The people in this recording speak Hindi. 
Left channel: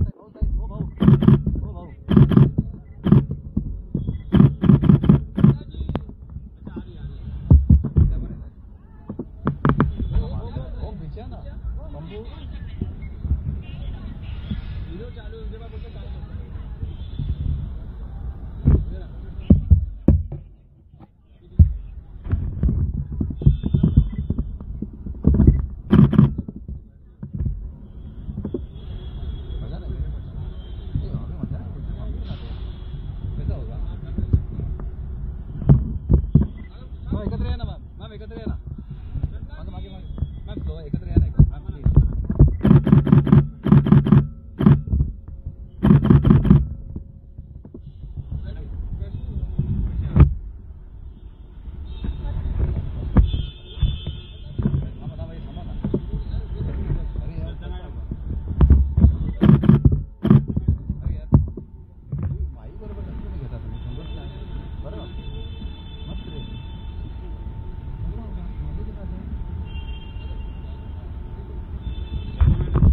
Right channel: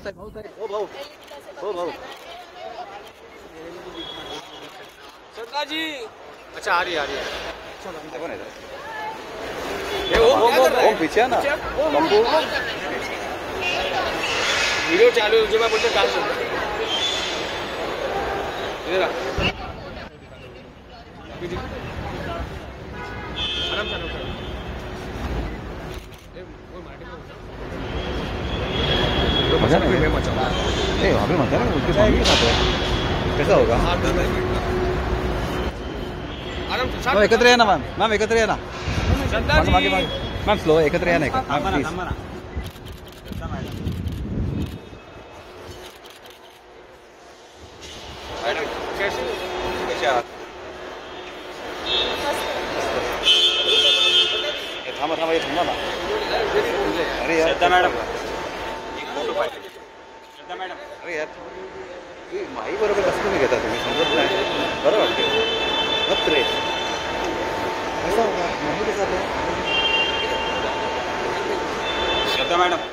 ओ भाऊ जी। अच्छा आ रही है वो पीछे ना बंबू वीडियो चालू है जो मैं बोलते डाल सकता इधर मजा नहीं वहाँ पे मजा नहीं उनके सामने खाते हैं कैसा होगा मैम एकत्र या ना मैम एकत्र या ना मैम स्लो एकत्र या ना प्लीज थांबा थांबा हे थांबा ना अरे यार मॅडम अरे यार माई बरोबर कसं तुम्ही घेता तुम्ही समजत नाही बरं वाटते मत रे कसं होता माहिती कसं मॅडम